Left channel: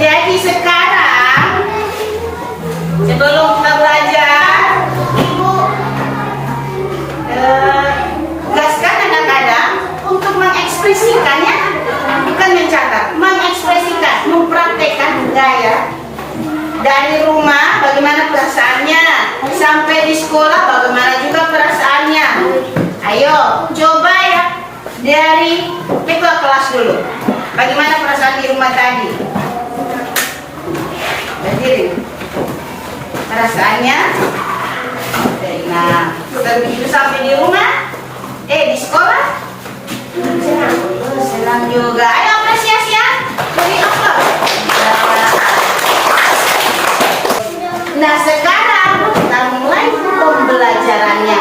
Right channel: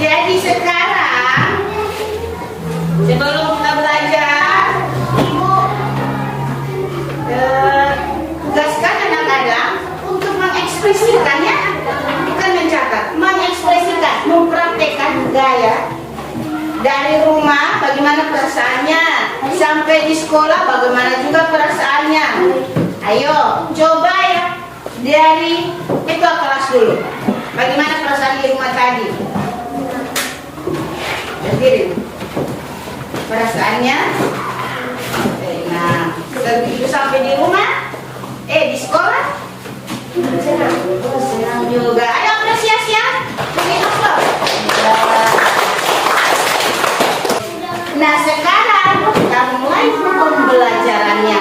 Jadi sekarang sebelum kita belajar, Ibu tugaskan anak-anak untuk mengekspresikan, ya, bukan mencatat, mengekspresikan, mempraktekkan gaya dari rumah bagaimana perasaannya, sampai di sekolah bagaimana juga perasaannya. Ayo coba ya, dari ketua kelas dulu, bagaimana perasaan di rumah tadi. Berdiri perasaannya. Nah, begitu sampai di rumah, di sekolah senang juga. Ayo apresiasi ya, jadi apa? Nah, sekarang kita mulai pembelajarannya.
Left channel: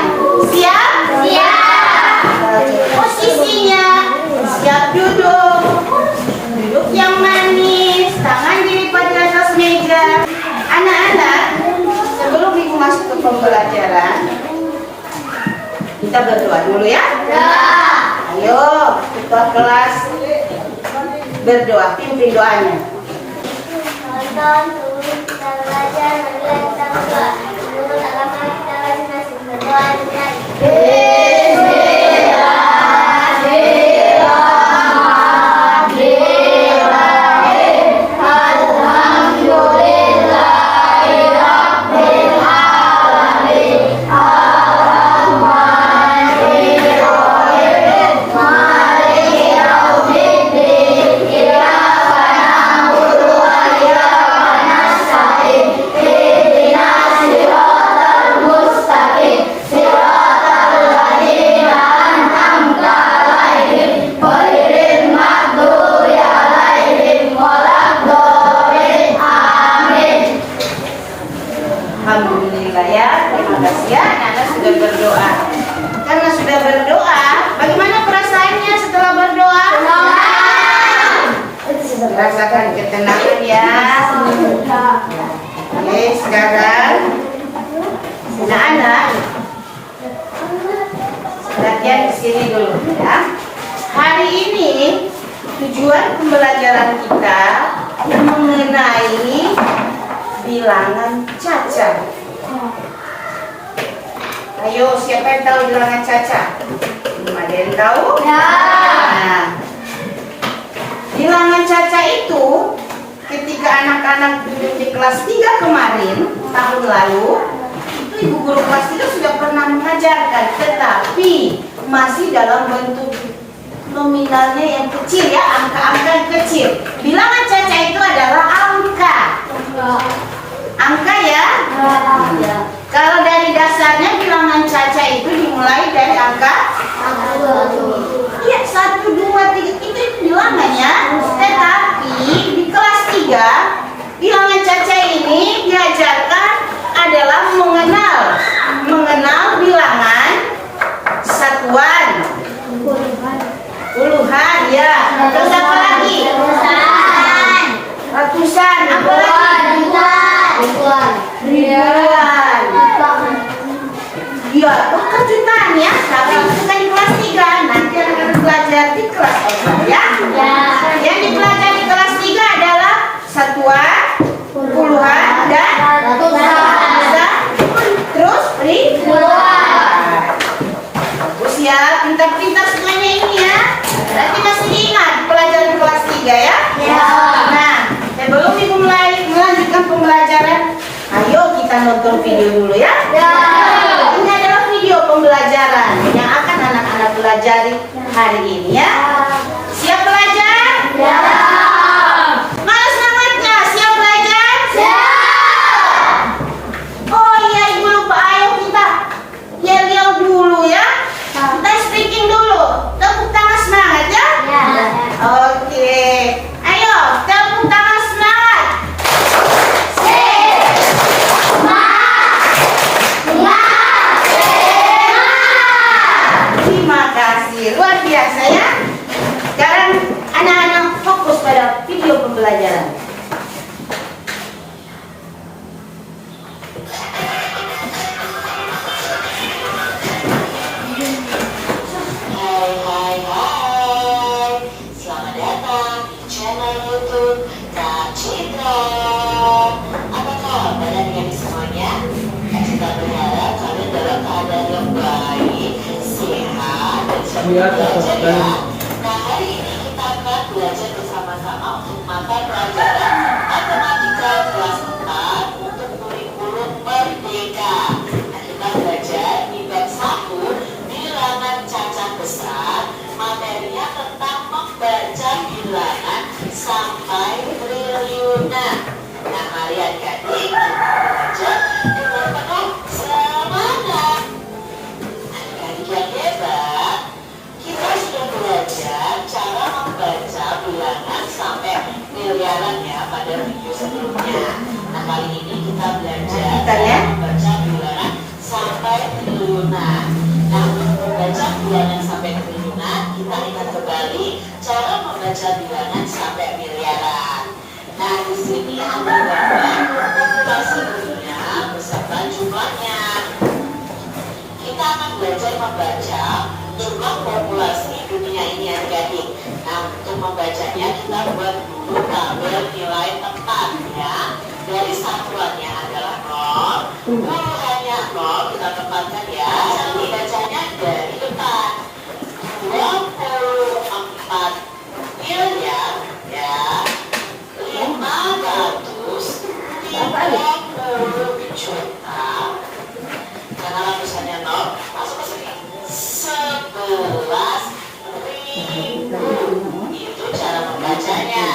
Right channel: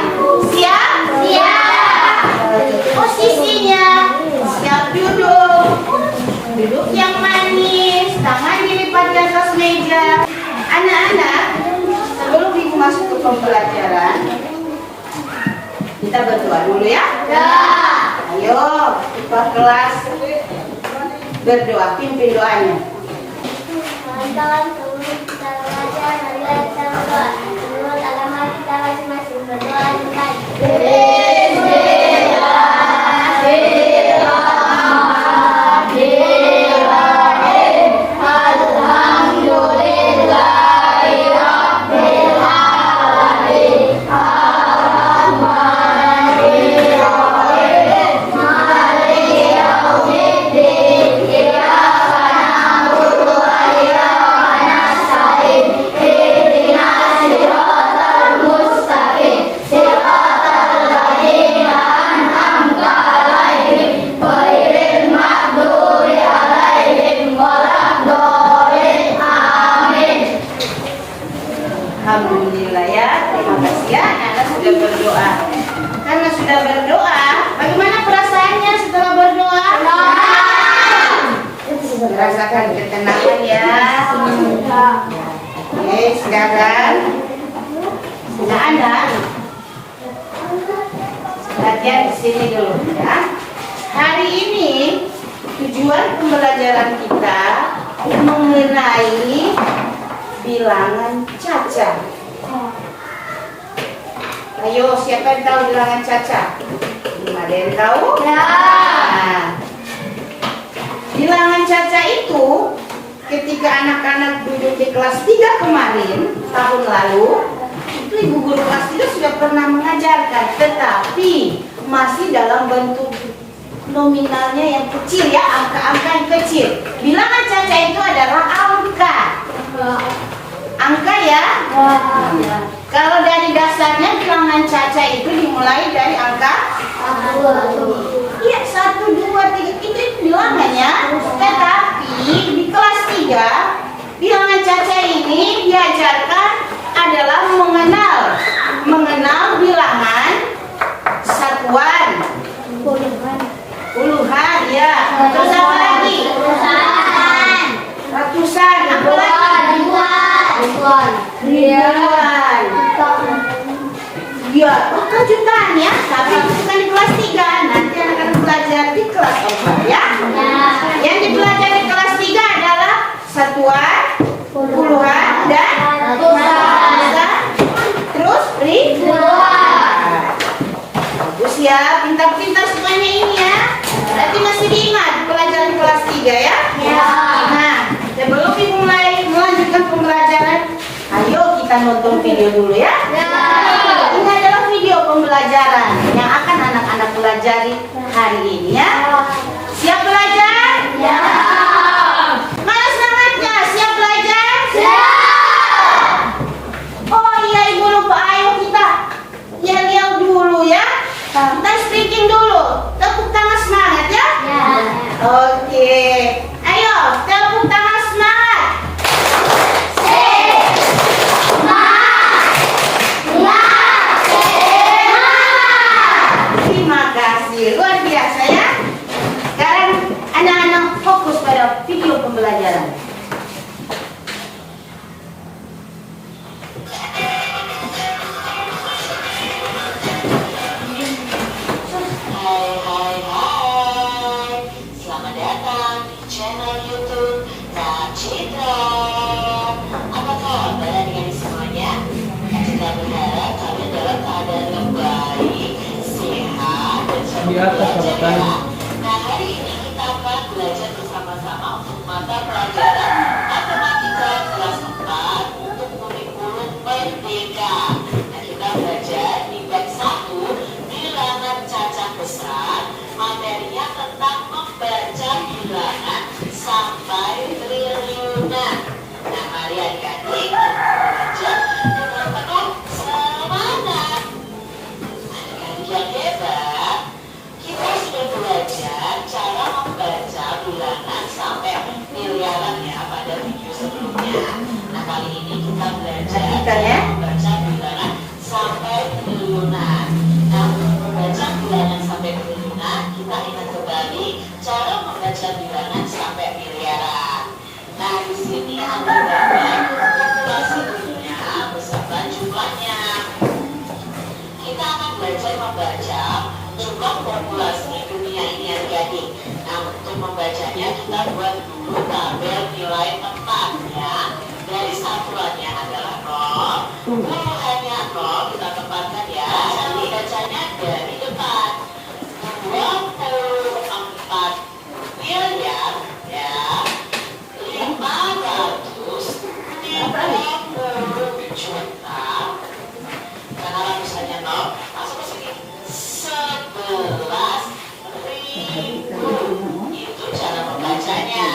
Siap? Siap. Posisinya siap duduk. Duduk yang manis, tangan dilipat di atas meja. Anak-anak, sebelum Ibu masuk ke pembelajaran, kita berdoa dulu ya. Ayo, ketua kelas berdoa, pimpin doanya. Teman-teman, kita belajar, marilah kita berdoa. Menurut agama kita masing-masing berdoa dengan Alhamdulillah ya, terima kasih ya, Anda sudah berdoa. Karena sudah berdoa, bagaimana perasaannya setelah berdoa? Rasakan ketenangan ya. Oke, sekarang anak-anak latihan di sini dulu ya. Hari ini tujuan pembelajaran kita mengenai bilangan caca. Ayo, siapa yang tahu bilangan caca? Ada yang tahu? Ya. Nah, bilangan caca itu ketika anak-anak duduk di kelas 3 kemarin, tahun lalu, itu ibu guru kelas 3 sudah pernah mengajarkan, tetapi masih dalam bentuk nominalnya yang kecil ya, angka-angka yang kecil. Bilangan caca itu adalah angka. Angka ya. Kalau dari dasarnya bilangan caca itu dimulai dari angka 1. Iya, 1, 2, 3 itu bilangannya. Tetapi di kelas 3 bilangan caca ini diajarkan adalah mengenal bilangan satuan, puluhan ya. Terus apa lagi? Ratusan, apa lagi? Ribuan. Ya, bukan jutaan ya, tapi itu bukan di kelas 3. Nanti akan belajar di kelas 3 ya. Yang dipelajari di kelas 3 adalah satuan, puluhan, dan ratusan. Terus ribuan. Bagus ya, pintar-pintar semuanya ini ya. Nanti masih diingat pelajaran kelas 3 ya. Nah, sebelum Ibu mulai melanjutkan pembelajaran, ayo kita nonton video dulu ya. Ini adalah video pembelajaran yang akan anak-anak pelajari hari ini ya. Siap belajar? Mana semangatnya? Siap belajar? Oh iya, Ibu lupa, ayo kita yel-yel dulu ya. Kita speaking dulu. Tepuk tangan semangat ya. Oke. Ayo, tepuk tangan semangat. Terima kasih, luar biasa ya. Sekarang anak-anak fokus pada video pembelajaran. Selamat datang di channel YouTube Nachita. belajar ya. Nah, hari ini kita akan belajar bersama-sama untuk mata pelajaran matematika kelas 4 untuk kurikulum merdeka. Nah, kita belajar di bab 1 bilangan cacah besar, materinya tentang membaca bilangan sampai triliunan. Nah, mari adik-adik kita belajar dengan penuh semangat. Adik-adik yang hebat, kita sudah belajar cara membaca bilangan sampai miliaran ya pada video sebelumnya. Nah, kali ini kita belajar cara membaca bilangan sampai triliunan. Nah, untuk membaca bilangan sampai triliunan, kita ingat kembali cara membaca bilangan sampai miliaran. Nah, di sini ada gambar populasi dunia beserta jumlahnya. Kita akan belajar membaca jumlah populasi dunia ini adik-adik. Nah, untuk membacanya kita buat dulu tabel nilai tempat ya. Dari satuannya adalah 0, puluhannya 0, kita tempatkan ya. Nanti bacanya dari depan. 24 miliar ya. 530 juta. Karena ratusannya 0, masuk ke sini. 11.000. Itu cara membacanya.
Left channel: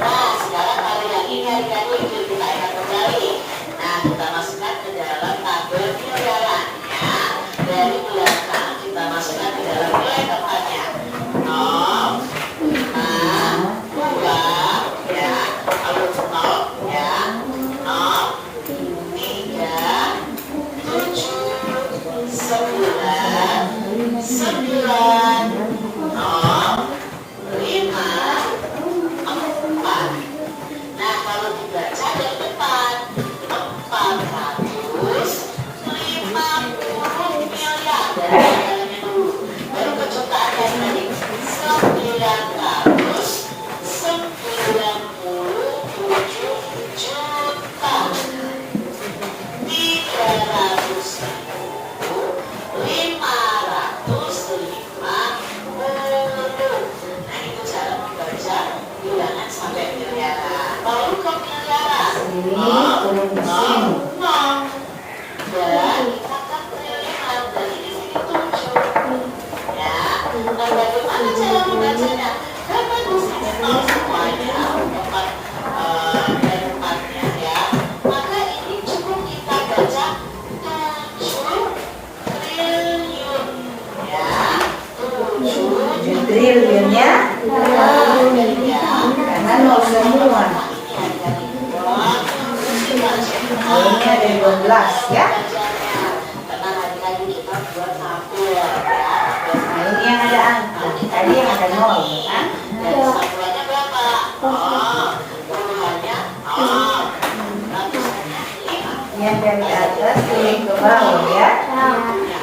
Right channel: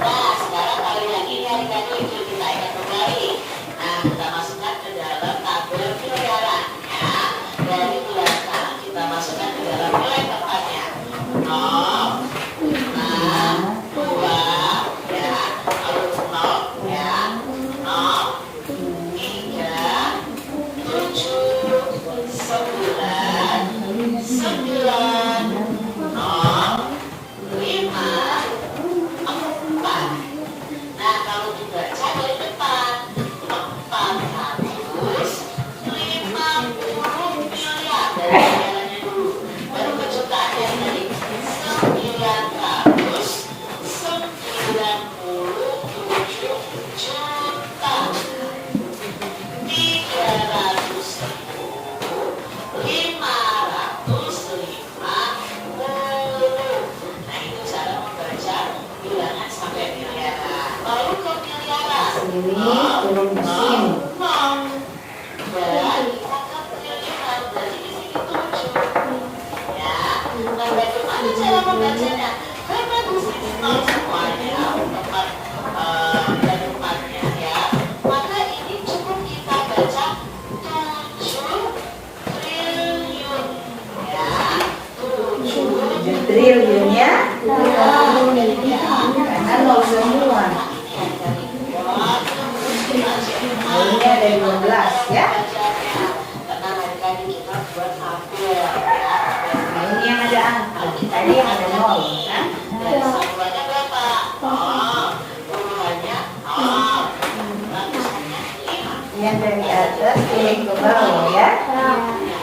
Nah, sekarang kalau yang ini adik-adik kita ingat kembali. Nah, kita masukkan ke dalam tabel miliaran ya. Dari belakang kita masukkan ke dalam nilai tempatnya. 0, 5, 2 ya. Lalu 0 ya. 0, 3, 7, 9, 0, 5, 4. Nah, kalau dibaca dari depan 450 miliar dari miliarannya dulu. Baru ke jutaan yang tadi 997 juta. 300.550. Nah, itu cara membaca bilangan sampai miliaran. Baru ke miliaran. Ini turun ke sini. Dan kita ke triliunan dari di sini 7. Ya. Nah, bagaimana cara membacanya? Karena di sini 0 semuanya tempat tempatnya ya. Maka ini cukup kita baca 7 triliun ya. 7 triliun ya. Karena 0 semua. Ini ada 12 ya. Karena hari-hari kita buat tabel ya. Nah, ini yang ada angka. Tadi yang ada 0 kan. Dan satuannya berapa? Puluhannya ratusannya 5. Yang dari atas turun ke bawah ya.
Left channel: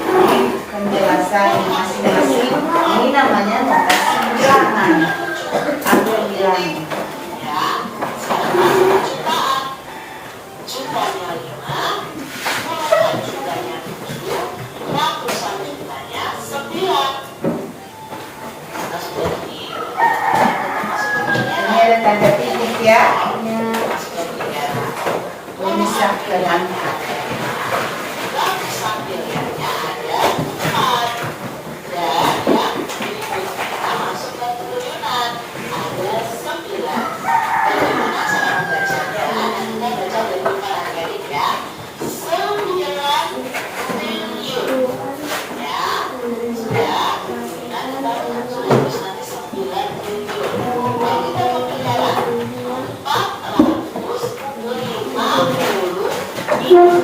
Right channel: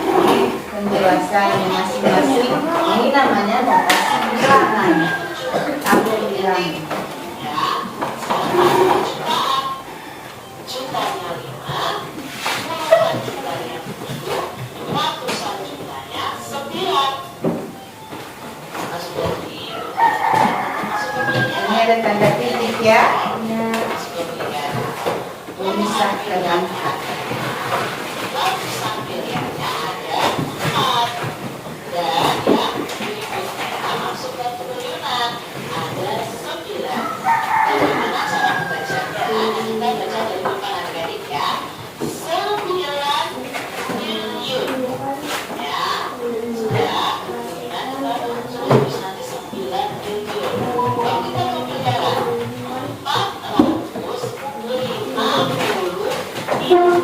Ini penjelasan masing-masing. Ini namanya notasi bilangan. Tabel bilangan. Ya, sekarang jutaan. Jutanya 5, puluhan jutanya 7, ratusan jutanya 9. Masuk dari Ini ada tanda titik ya. masuk ke miliaran. Tulisan dengan Ratusan miliarnya ada 4. Dan yang kita masuk ke triliunan ada 9. Bagaimana cara membacanya? Nah, kita baca dari depan adik-adik ya. 9 triliun ya. Sudah. Nah, kita terus nanti 9 triliun. Kalau kita ke miliaran 450 miliar.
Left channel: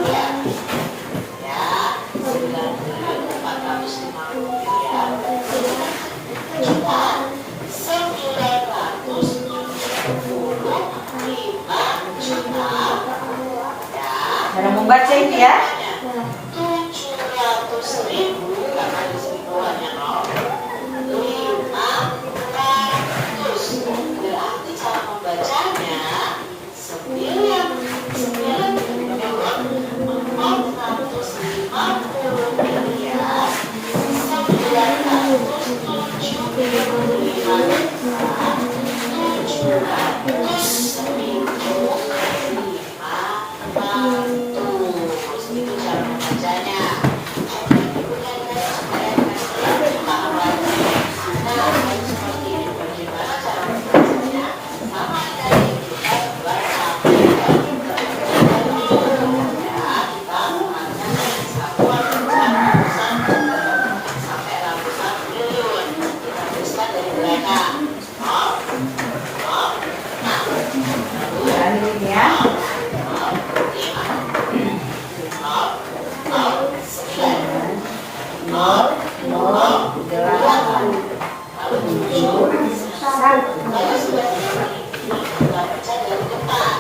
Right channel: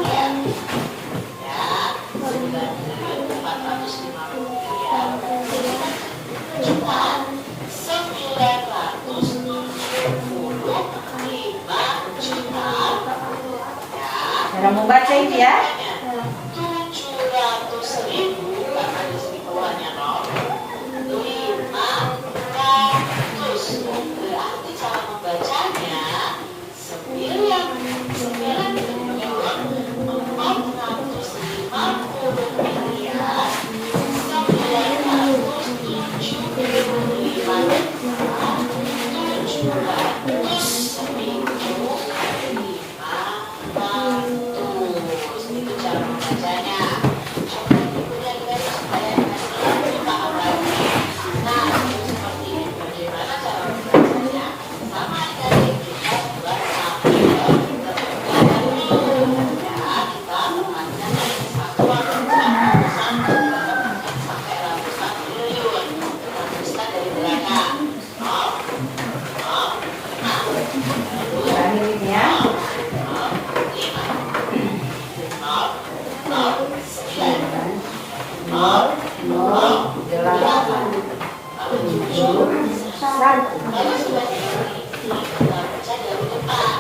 Lalu sebagai ini kita baca dari depan.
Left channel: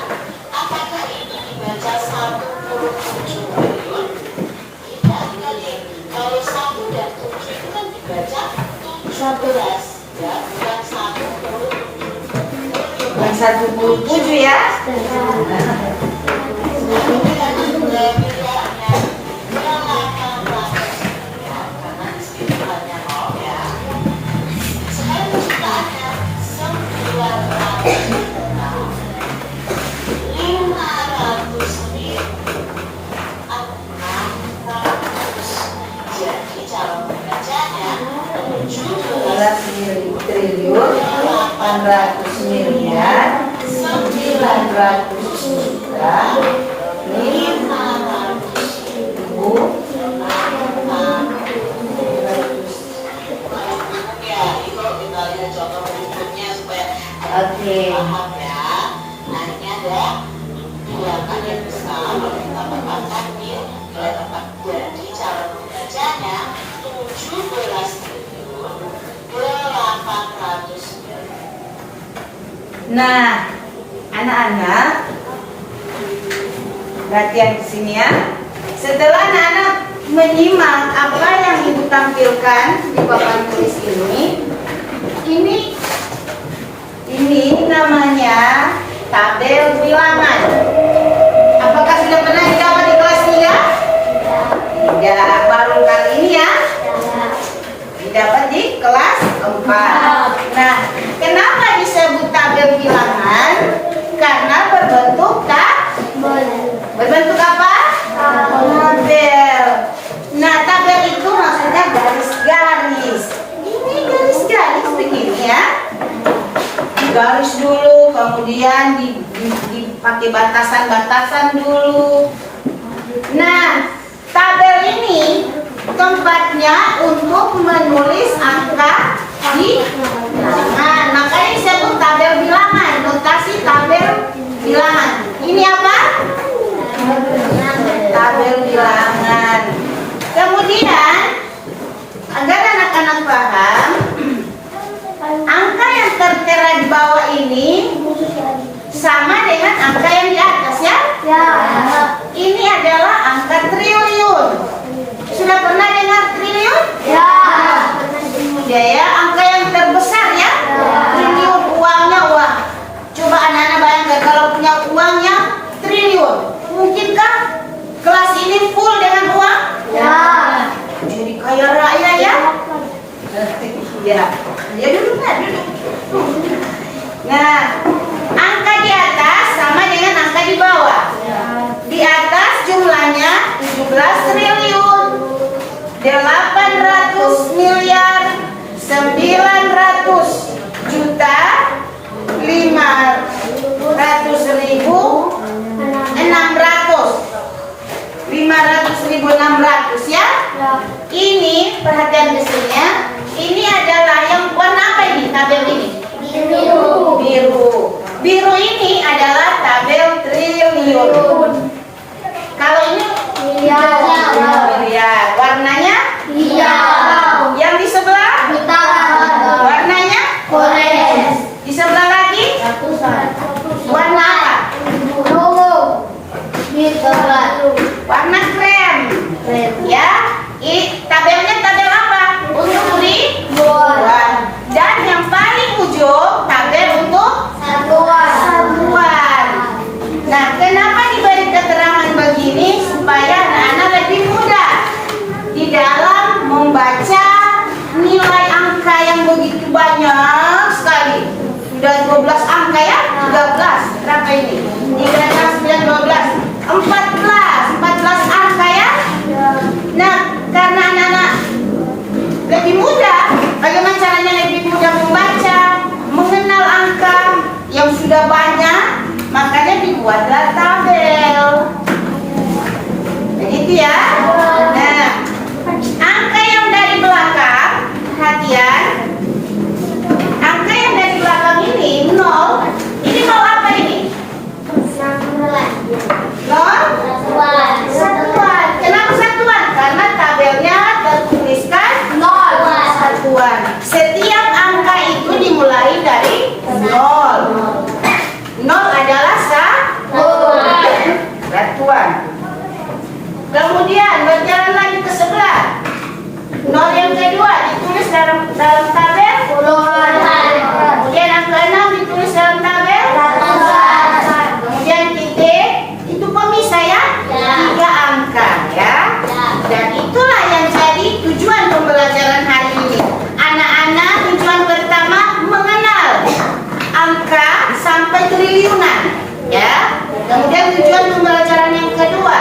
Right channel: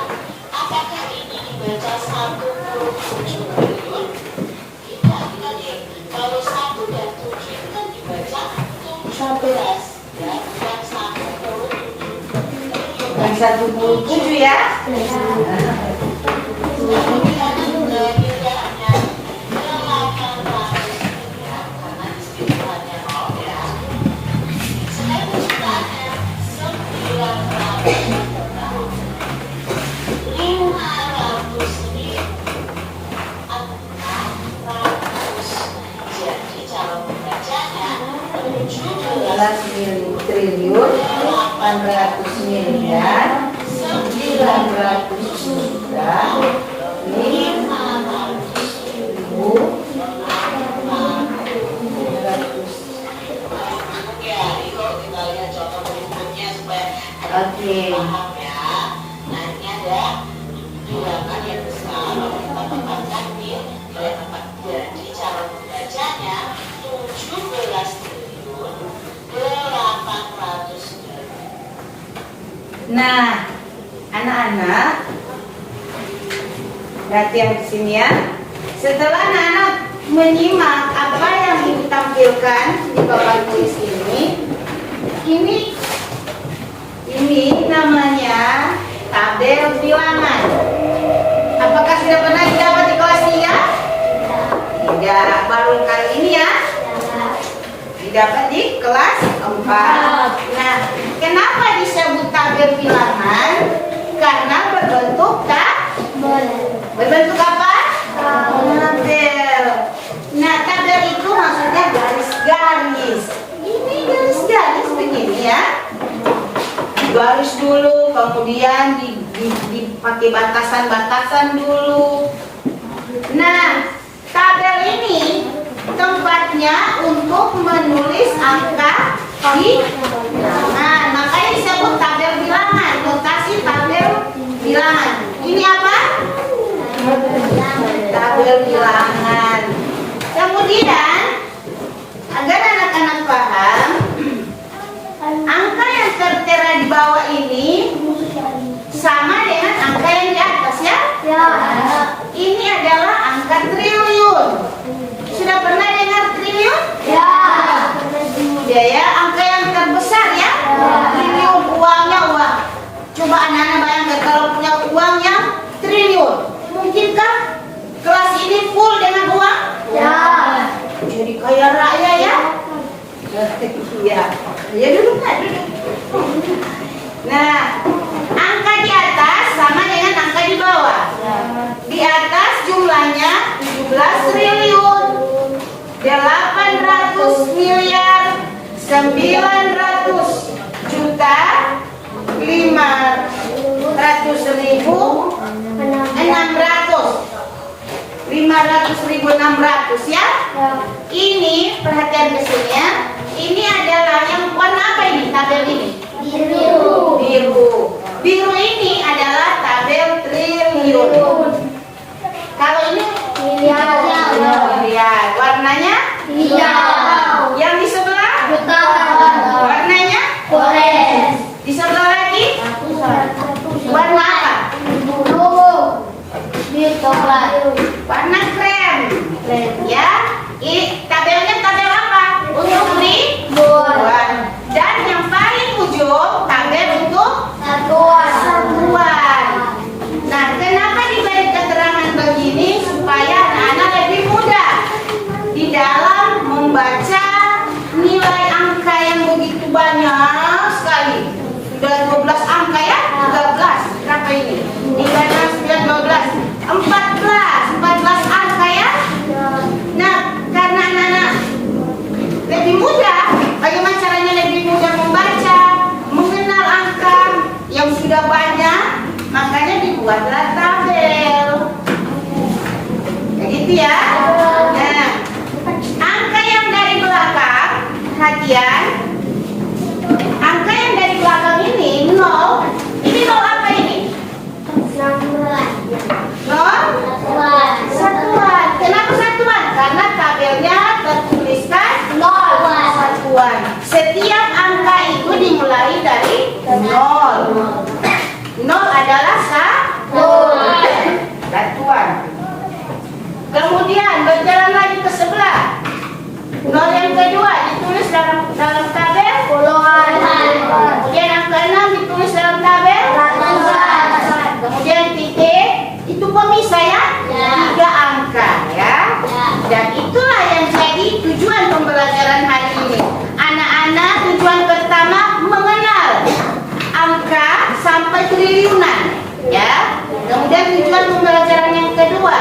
Apakah ini dibaca 1,7 triliun? Tidak, dibalik. Kalau 1 dan 7 itu kan dibaca 17, ya, bukan 1,7. Yang 1,7 ya. Triliun 800 miliar 900 juta 500.000. Ya, itu kita lihat contoh berikutnya supaya Oke. paham ya. Nah, ini ada bilangan yang besar. Kalau kita tempatkan di tempat, jadi cara membacanya 17 triliun 800 miliar. Nah, anak-anak, perhatian ke sini ya. Setelah anak-anak menyimak apa yang ibu tampilkan di papan tulis ini namanya tabel bilangan. Apakah sudah pernah didapat di kelas 3? Tidak, baru kali ini ya. Didapat di kelas 4. Nah, kenapa disebut tabel bilangan? Karena berbentuk berbentuk apa? Tabel. Nah, tabel itu maksudnya garis-garis. Ini garis-garis begini ya. Garis dulu, kemudian dipakai batasan-batasan dulu. Nah, tabel ini tempatnya untuk menulis angka di bilangan. Makanya disebut tabel bilangan, notasi tabel bilangan. Ini apa? Tabel bilangan. Kemudian, agar anak-anak paham, angka yang tertera di bawah ini sama dengan angka yang di atas ya? Ya. Ini adalah angka triliun. Sudah pernah dengar triliun? Ya. Ya ya, angka yang terbesar ya? Triliun, uangnya uang. Coba anak-anak bayangkan kalau punya uangnya triliun. Mungkinkah kelas ini full dengan uang? Ya. Jadi kaya raya ya? Iya. Ya duduk Pak, duduk. Nah, angka di atas sama dengan angka di bawah. Di atas jumlahnya 17 triliun 800 miliar 900 juta 500.600 ya. Ini perhatian di sini ya. Ini adalah yang warna apa ini tabel ini? Biru. Biru. Biru ini adalah tabel triliun. Kalau ini miliar. Warnanya Hijau. Yang di sebelah Hitam. warnanya Orange. di sebelah lagi warna apa? Ungu. Biru coklat. Warna krem. Ya. Tabelnya tabel apa? Untuk ribuan. Dan yang paling ujung tabel untuk satuan. Nah, kenapa diberi keterangan begini? Supaya anak-anak lebih mudah di dalam membaca nilai angka yang begitu banyak sekali. Sudah 12 angka ya? 13. Berapa ini? 13, 12, 14 angka ya? Nah, karena anak-anak lebih mudah, bagaimana caranya lebih mudah membaca, mengenal angka yang sudah banyak, makanya dibuatlah tabel. Begitu ya. Nah, angka yang dari belakang, perhatian. Angka yang dari belakang ini 0. Ini 0 apa ini? 0? dari nol. Nol adalah satuan. Kemudian berjalan lagi ke sebelah. Nol yang kedua ditulis dalam tabel kemudian angka 6 ditulis dalam tabel kemudian titik itu pemisah ya, 3 angka ya. Dan itulah yang jadi tujuan pembelajaran hari ini. Anak-anak, tujuan pertama mengenal angka sampai triliunan ya. Kemudian tujuan pembelajaran yang kedua,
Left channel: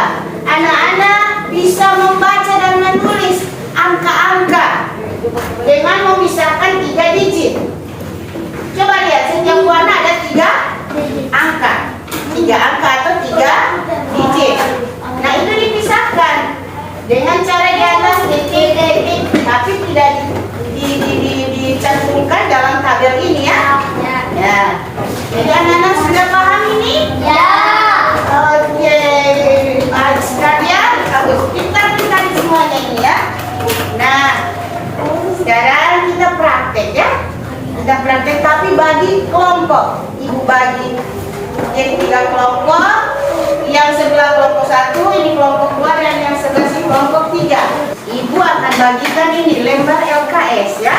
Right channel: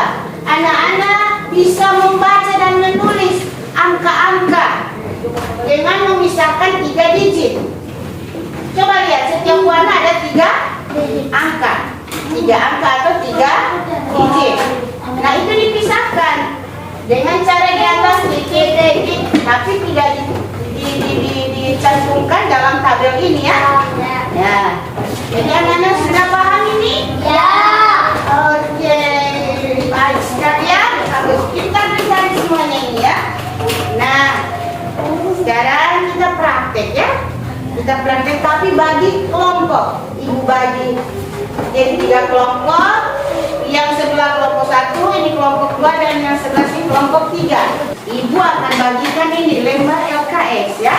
anak-anak bisa membaca dan menulis angka-angka dengan memisahkan 3 digit. Coba lihat, setiap warna ada 3 angka. 3 angka atau 3 digit. Nah, itu dipisahkan dengan cara di atas titik, tapi tidak dicantumkan dalam tabel ini ya. Ya. Jadi anak-anak sudah paham ini? Ya. Oke. Sekalian, pintar-pintar semuanya ini ya. Nah, sekarang kita praktek ya. Kita praktek tapi bagi kelompok. Ibu bagi jadi 3 kelompok. Yang sebelah kelompok 1, ini kelompok 2, dan yang sebelah sini kelompok 3. Ibu akan bagikan ini lembar LKS ya.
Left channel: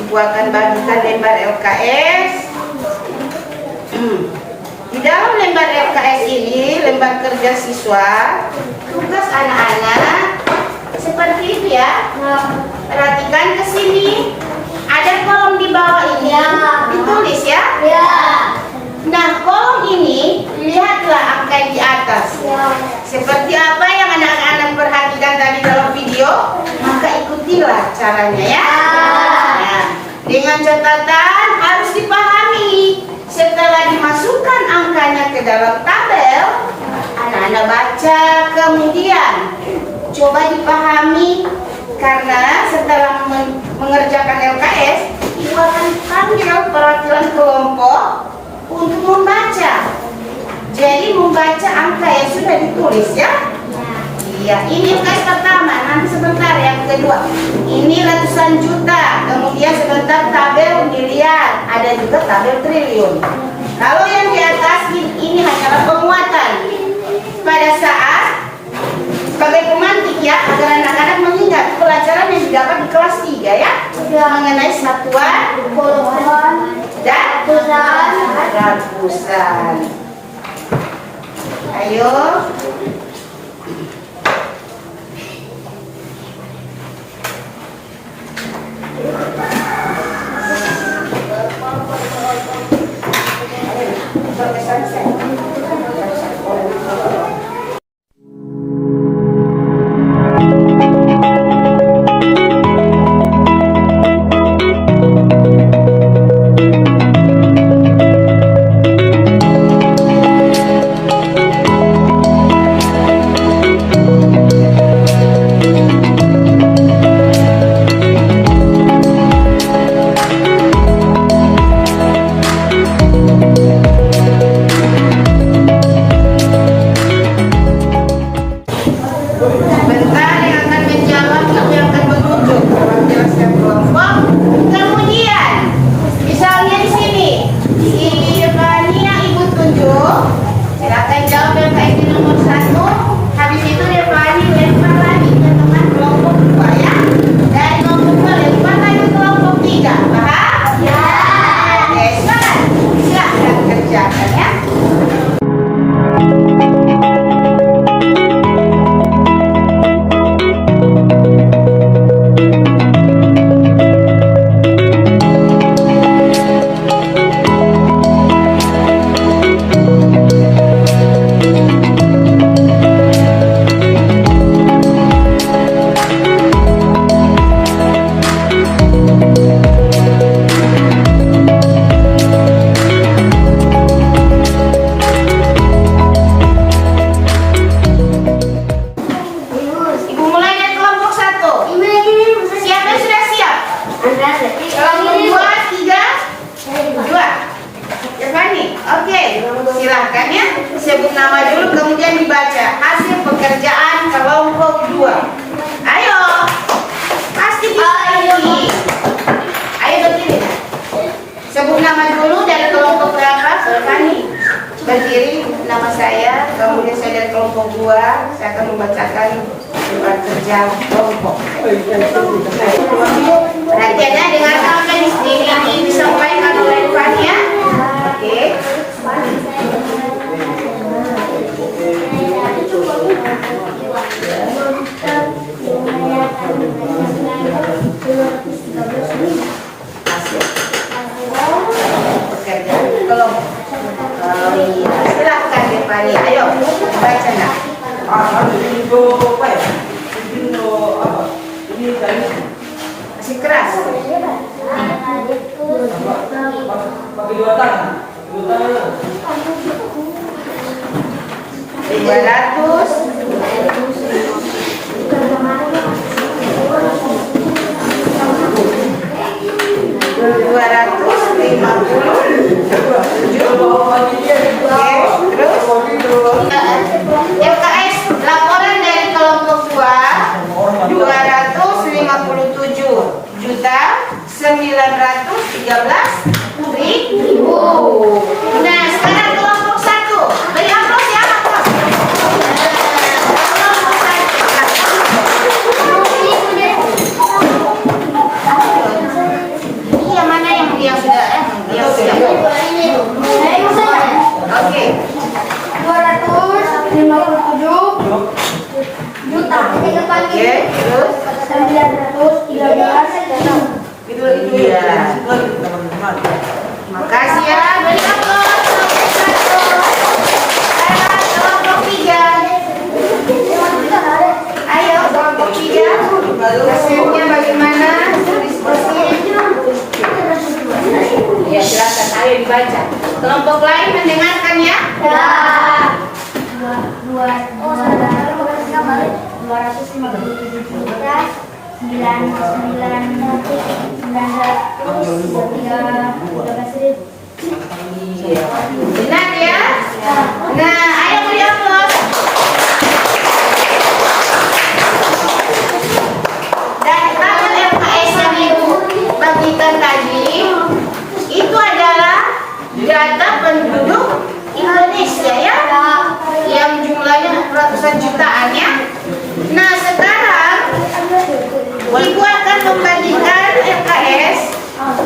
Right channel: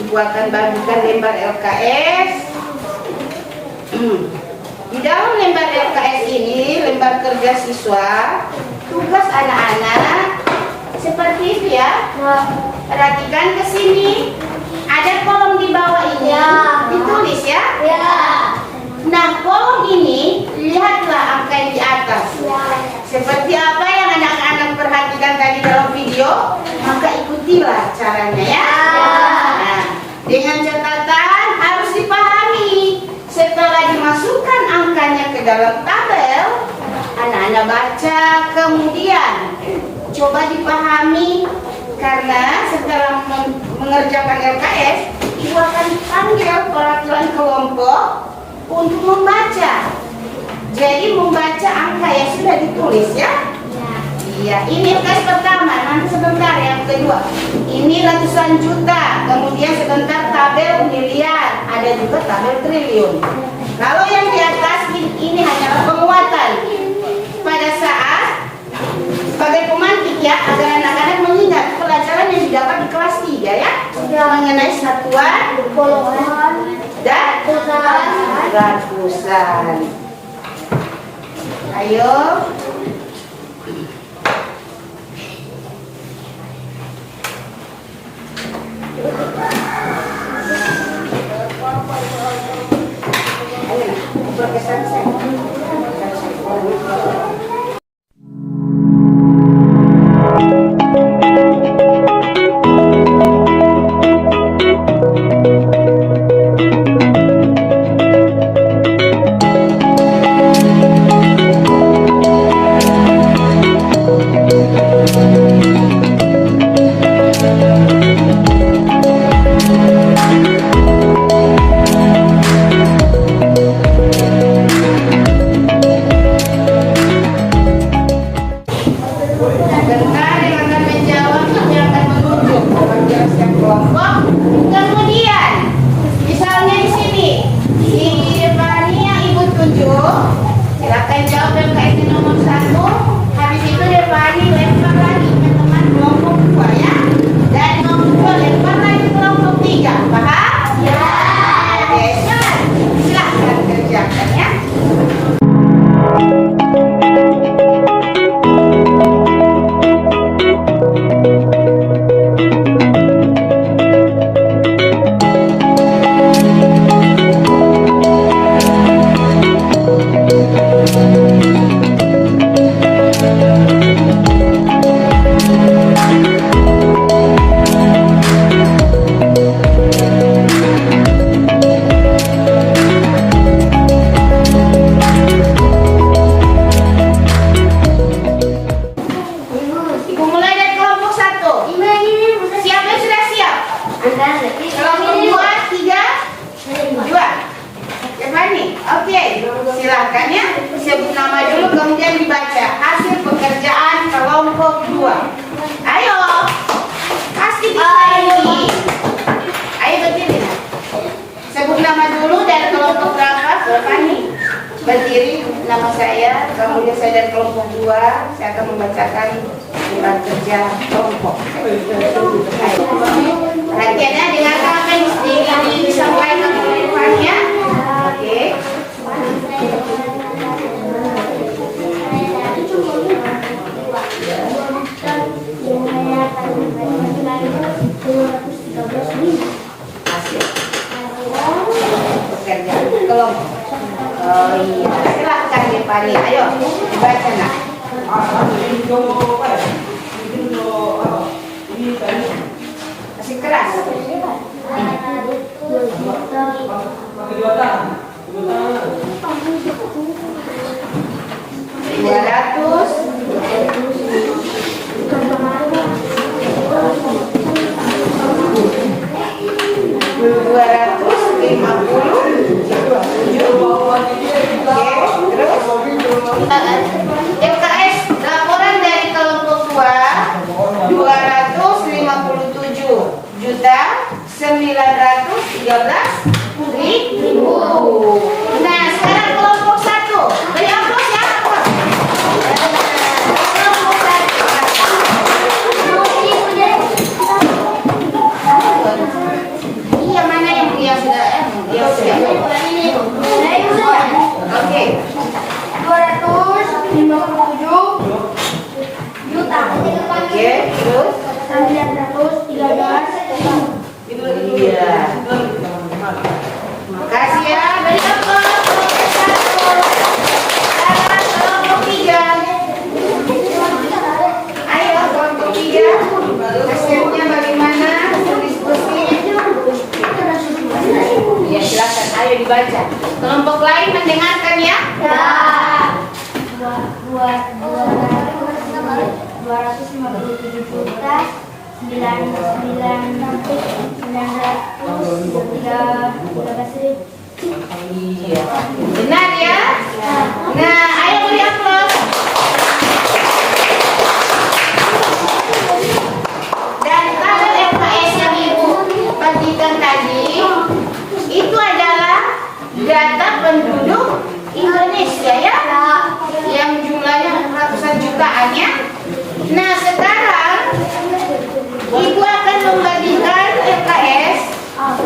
Ibu akan bagikan lembar LKS. Di dalam lembar LKS ini, lembar kerja siswa, tugas anak-anak seperti itu ya. Perhatikan ke sini. Ada kolom di bawah ini ditulis ya. Nah, kolom ini lihatlah angka yang di atas. Seperti apa yang anak-anak perhatikan tadi dalam video, maka ikutilah caranya ya. Nah, dengan catatan harus dipahami. Setelah dimasukkan angkanya ke dalam tabel, anak-anak baca, kemudian coba dipahami. Karena setelah mengerjakan LKS, ibu akan panggil perwakilan kelompok untuk membaca. Jadi membaca angka yang sudah ditulis ya. Iya, ini LKS pertama, nanti sebentar yang kedua. Ini ratusan juta, kemudian sebentar tabel miliar, ada juga tabel triliun. Kalau yang di atas ini hanyalah penguatan. Pada saat sebagai pemantik ya, agar anak-anak mengingat pelajaran yang didapat di kelas 3 ya, mengenai satuan, dan ratusan. Ayo. nama dulu dari kelompok berapa? Berpani. Berdiri, nama saya, kemudian saya dari kelompok 2. Saya akan membacakan beban kerja kelompok. Perhatian ya, dengarkan apa yang disampaikan oleh Fania. Oke. Pekerjaan kelompok. Oh iya, silakan Fani. Ayo, baca nak. Masih keras. 250. FKS laporan dari kelompok 2 213.913.000. Nah, sekarang kelompok 1. Beri aplaus ya. Kelompok 1. Iya, mana yang sudah Oke. 257 juta. Oke, terus 913. iya. Makasih ya. Beri aplaus. Kelompok 3. Ayo kelompok 3. Hasilnya bagaimana? Diskusi. Ya, silakan. Ayo dibaca. Kelompok lain mendengarkan ya. 257 Iya. Benar ya? Nah, ayo beri aplaus. Dan tabel FKS yang Ibu bagikan tadi itu adalah data penduduk Indonesia ya, yang jumlahnya ratusan jutaan ya. Nah, sekarang Ibu akan membagikan FKS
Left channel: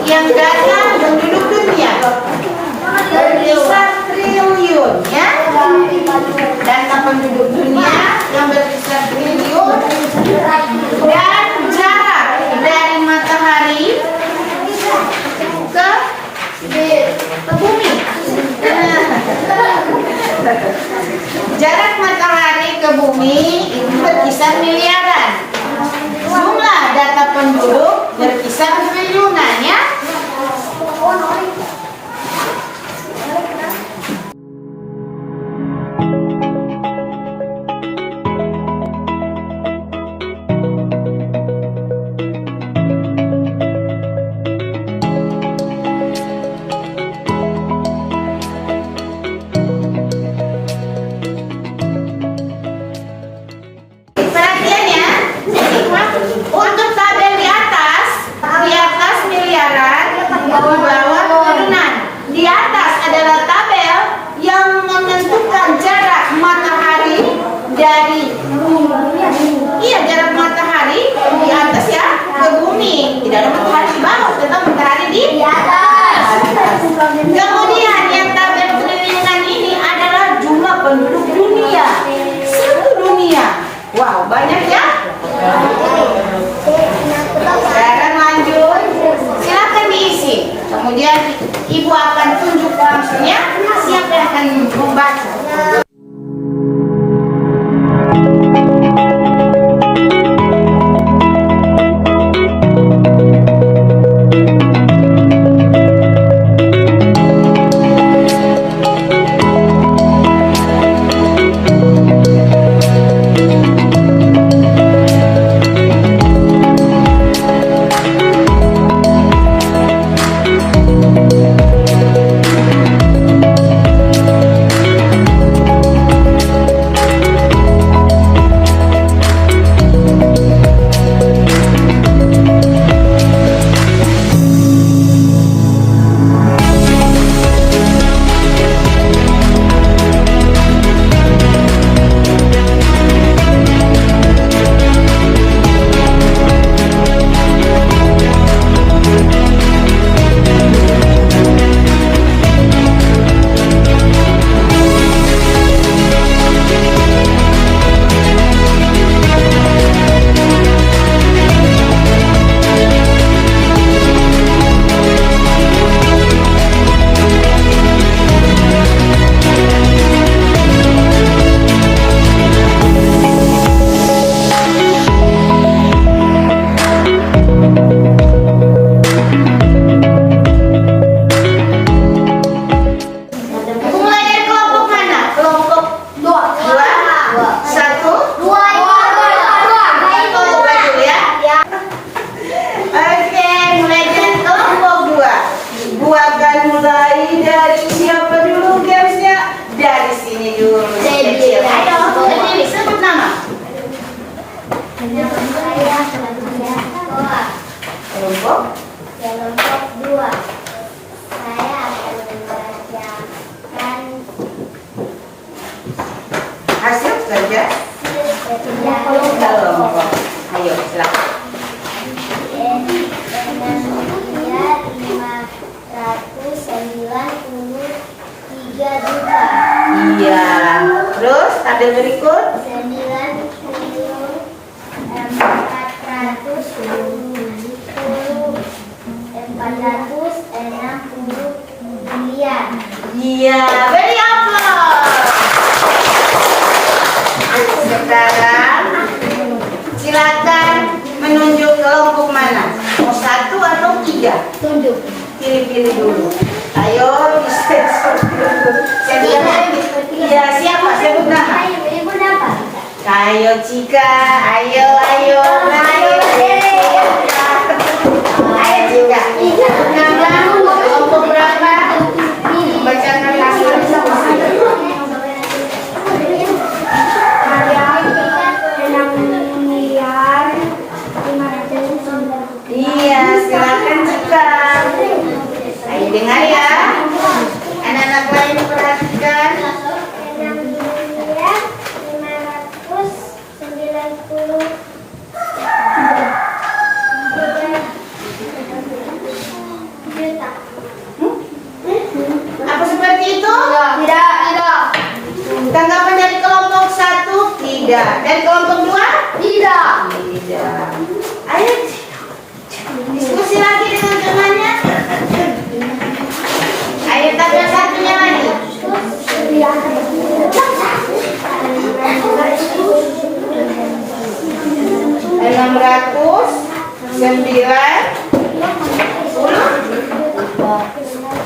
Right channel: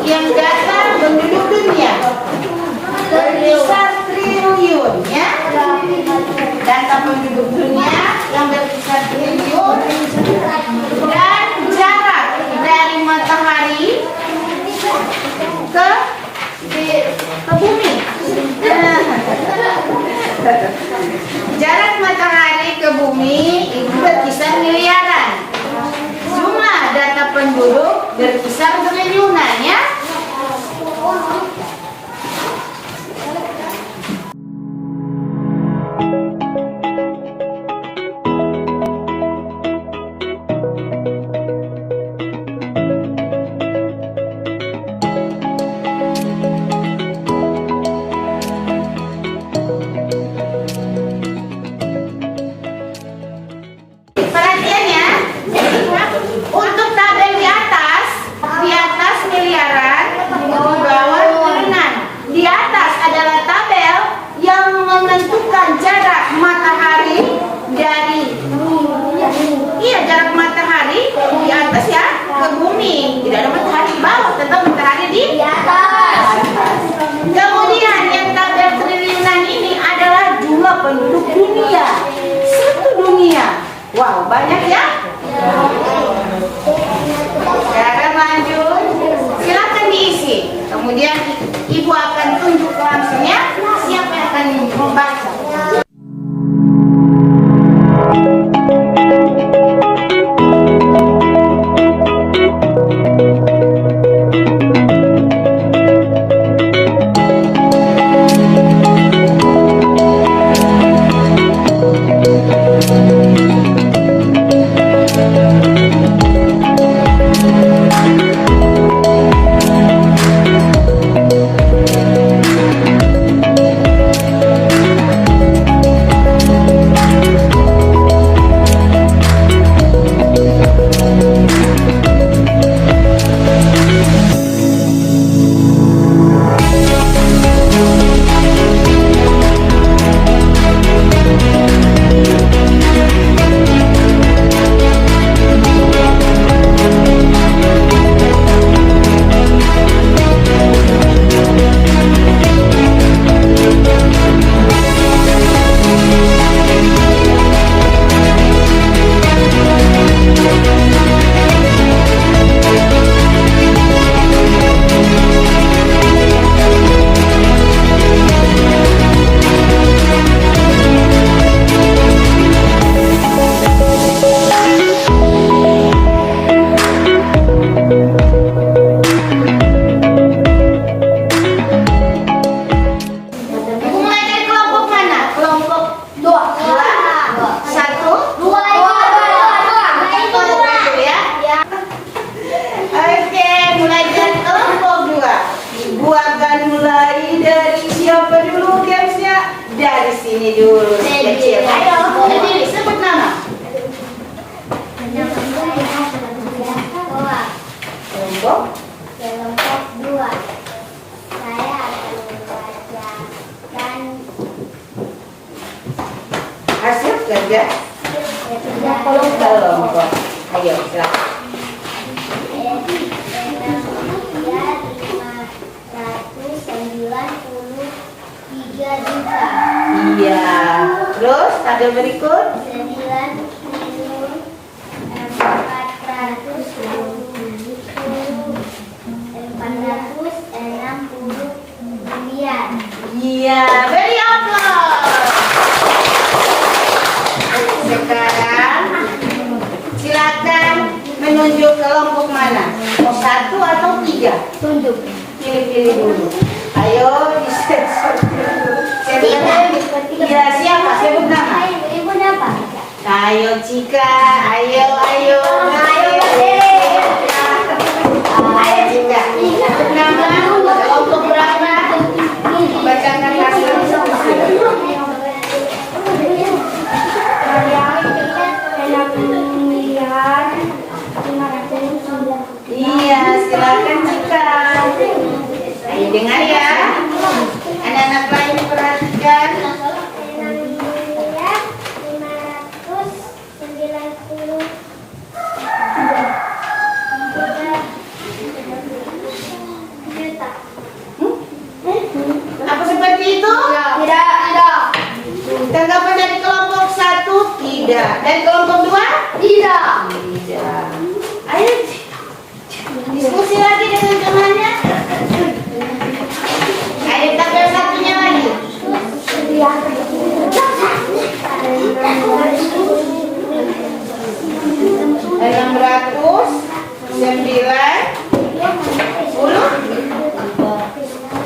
yang data penduduk dunia berkisar triliun ya. Data penduduk dunia yang berkisar triliun dan jarak dari matahari ke bumi. Jarak matahari ke bumi itu berkisar miliaran. Jumlah data penduduk berkisar triliunan ya. Perhatian ya. Untuk tabel di atas miliaran, di bawah triliunan. Di atas adalah tabel yang menentukan jarak matahari dari jarak matahari di atas ya ke bumi. Tidak ada matahari di bawah, tetap matahari di atas. Kemudian yang tabel triliunan ini adalah jumlah penduduk dunia, seluruh dunia. Wow, banyak ya. Sekarang lanjut, silakan diisi. Kemudian Ibu akan tunjuk langsungnya siapa yang akan membaca. Hasil kerja kelompok. Ayo silakan. Juta. Iya. Terus tabel berikut. 469. Iya, beri aplaus. Sekarang silakan menunjuk kelompok mana. Mau 1 atau 3? Tunjuk. Pilih-pilih dulu. Ayo, iya, siapa? Sebut nama. Ibu dapat. Ayo Cika, ayo. Ayo Cika. Nama kelompok berapa? Bacakan hasil diskusi. Iya, silakan Cika. Ayo dengar ya. Anak-anak lain perhatikan. 593 juta. Apa seperti itu? Tidak. Tanggapan dari kelompok 1 tidak. Dari kelompok 2? Tidak. Tidak. Ayo diskusi lagi dengan temannya. Ayo tabel satunya lagi.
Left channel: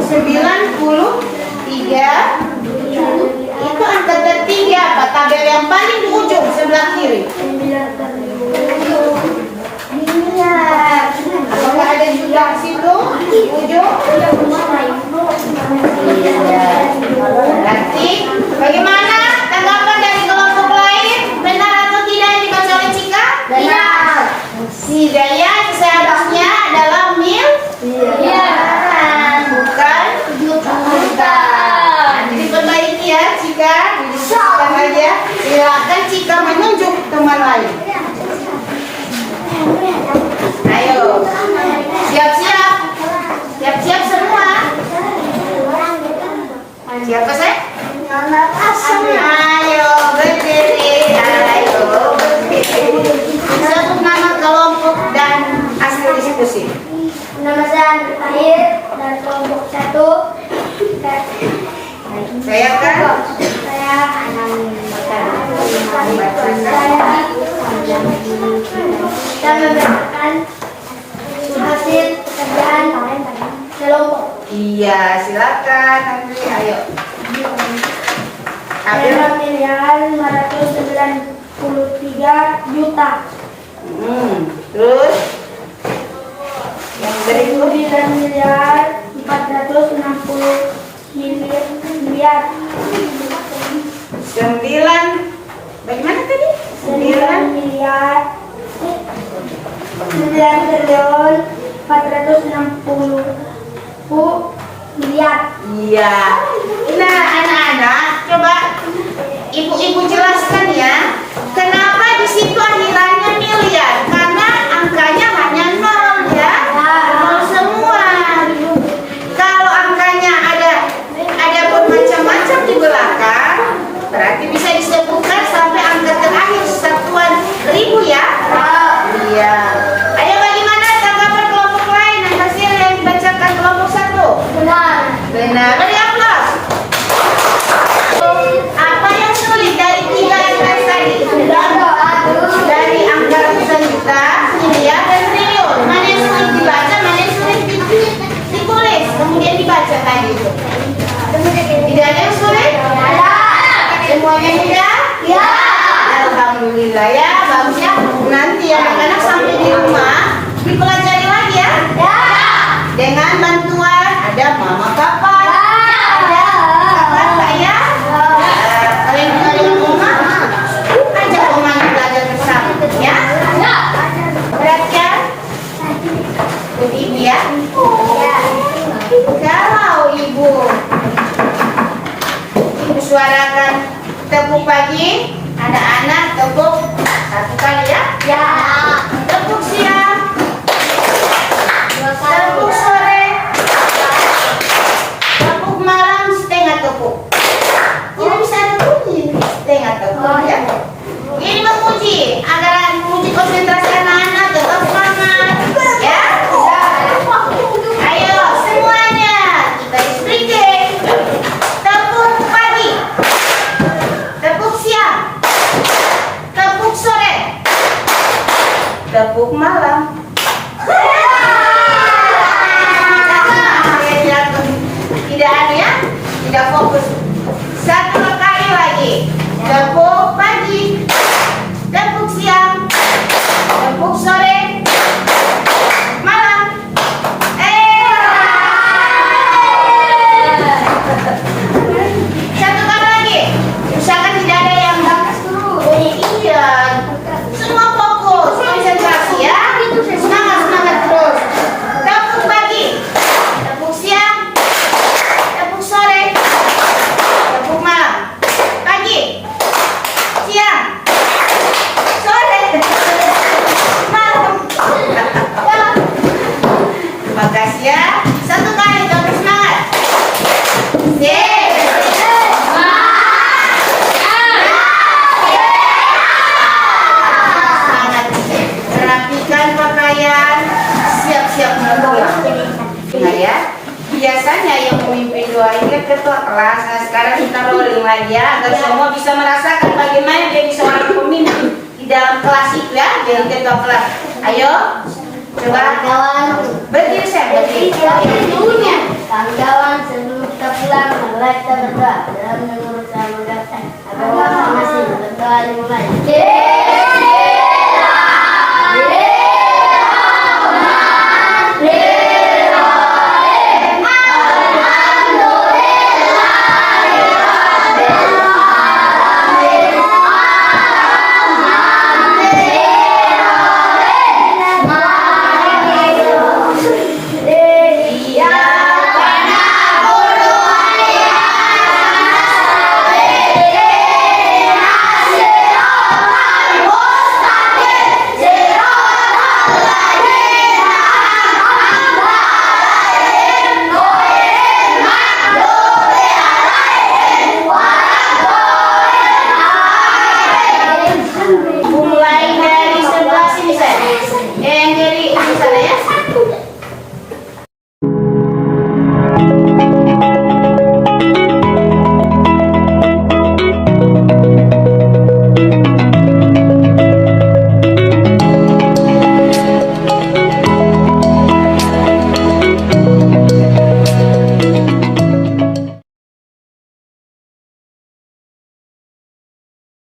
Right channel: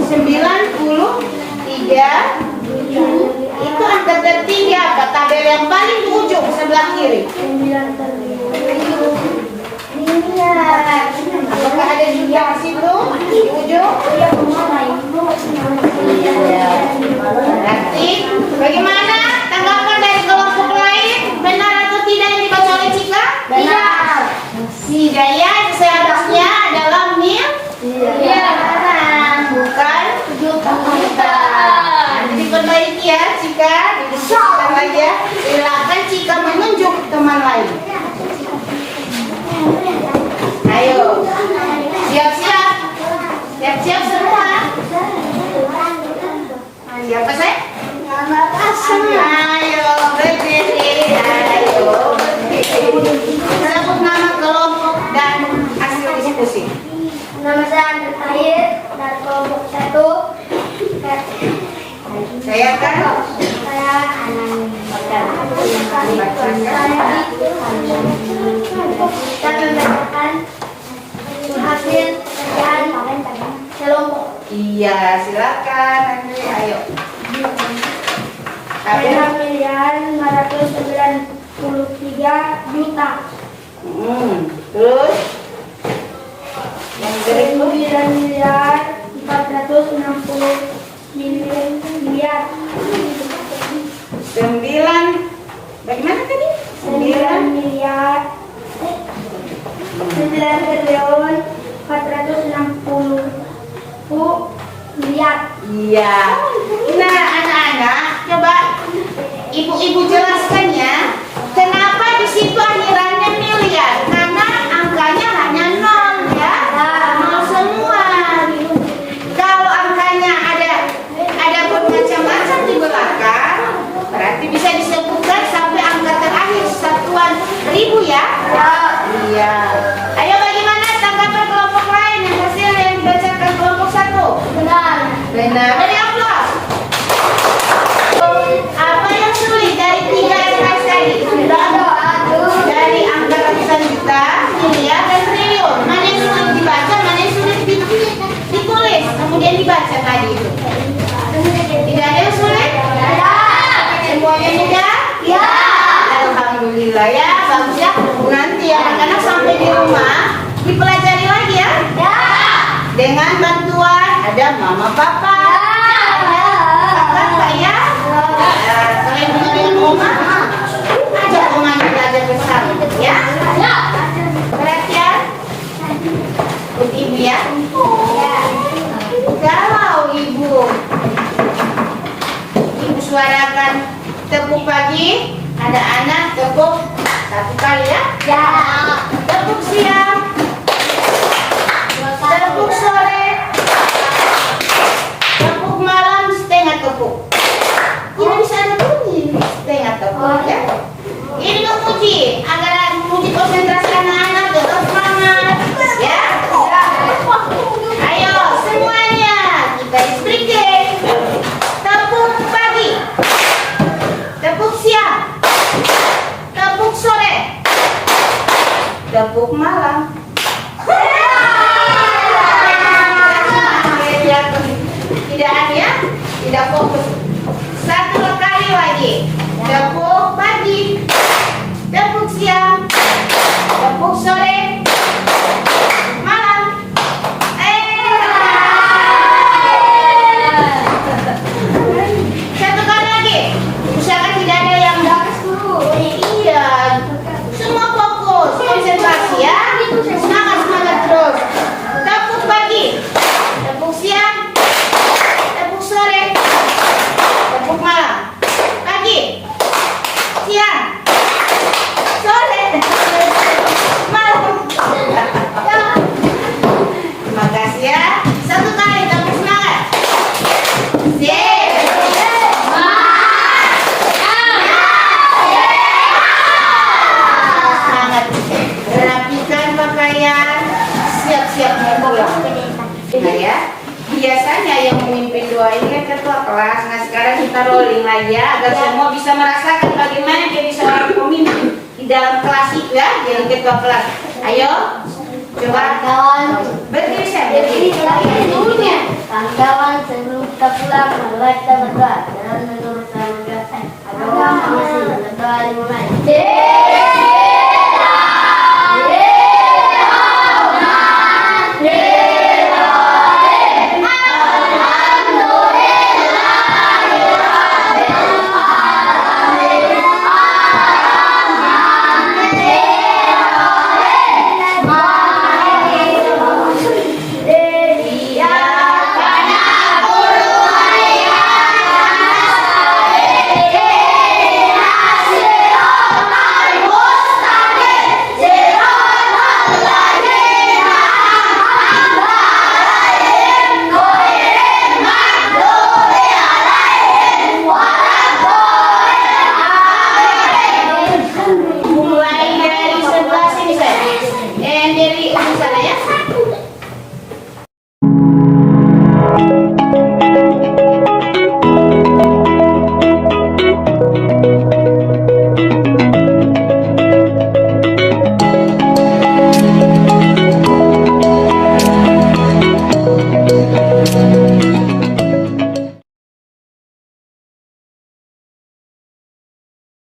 93 itu angka ketiga apa? Tabel yang paling di ujung sebelah kiri. Kalau nggak ada juga di situ di ujung. Nanti bagaimana tanggapan dari kelompok lain? Benar atau tidak yang dibaca oleh Cika? Benar. Si Daya seharusnya adalah bukan juta. Jadi perbaiki ya Cika. Didiskusikan lagi ya. Silakan Cika menunjuk teman lain. Ayo. Siap-siap. Siap-siap semua. Siapa saya? Ayo berdiri. Ayo berdiri. Sebut nama kelompok dan hasil diskusi. Nama saya Air dari kelompok 1. Saya kan Saya Anani. Saya membacakan hasil pekerjaan kelompok. iya, silakan Henry. Ayo. Tabel. 6.593 juta. Terus yang berikut 9.460 miliar. 9. Bagaimana tadi? 9 triliun 460 miliar. Iya. Nah, anak-anak, coba ibu-ibu jelaskan ya. Kenapa di situ akhirannya miliar? Karena angkanya hanya 0 ya. 0 semua. Kalau angkanya ada bermacam-macam di belakang, berarti bisa disebutkan sampai angka terakhir satuan ribu ya. Iya. Ayo bagaimana tanggapan kelompok lain yang hasil yang dibacakan kelompok 1? Benar. Benar. Beri aplaus. Apa yang sulit dari 3 angka tadi? Dari angka ratusan juta, miliar, dan triliun. Mana yang sulit dibaca, mana yang sulit ditulis, kemudian dibaca tadi itu. Tidak ada yang sulit? Ada. Semuanya mudah? Ya. Alhamdulillah ya, bagus ya. Nanti anak-anak sampai di rumah dipelajari lagi ya. Ya. Dengan bantuan ada mama papa. Kakak ya. Kalian dengar dengan oma. Ajak oma belajar bersama ya. Perhatian. Ikut ibu ya. Kalau ibu suarakan Tepuk pagi. Ada anak tepuk 1 kali ya. Ya. Tepuk siang. Tepuk sore. Tepuk malam setengah tepuk. Ini bisa ada bunyi setengah tepuk ya. Ini memuji agar memuji konsentrasi anak-anak tetap semangat ya. Ayo semuanya kita explain. Tepuk pagi, tepuk siang, tepuk sore, tepuk malam. Tidak ada ya, tidak fokus. 1 kali lagi. Tepuk pagi, tepuk siang, tepuk sore, malam. Satu kali lagi. Misalkan tidak ada yang bagus dulu. Iya. Semua fokus, konsentrasi ya. Semangat terus. Tepuk pagi, tepuk siang, tepuk sore, tepuk malam. Pagi, siang, sore, malam. Terima kasih ya. 1 kali tepuk semangat. Semangat. Rapikan pakaian. Siap-siap pulang. Nah ya. Biasanya yang memimpin doa ini kan ketua kelas. Nah sekarang kita rolling lagi ya agar semua bisa merasakan bagaimana dia bisa menjadi pemimpin di dalam kelas itu ya, jadi ketua kelas. Ayo, coba Kawan. berdiri saya berdiri. Dulunya. Kawan-kawan, sebelum kita pulang, marilah kita berdoa dalam menurut agama masing-masing. Berdoa dimulai.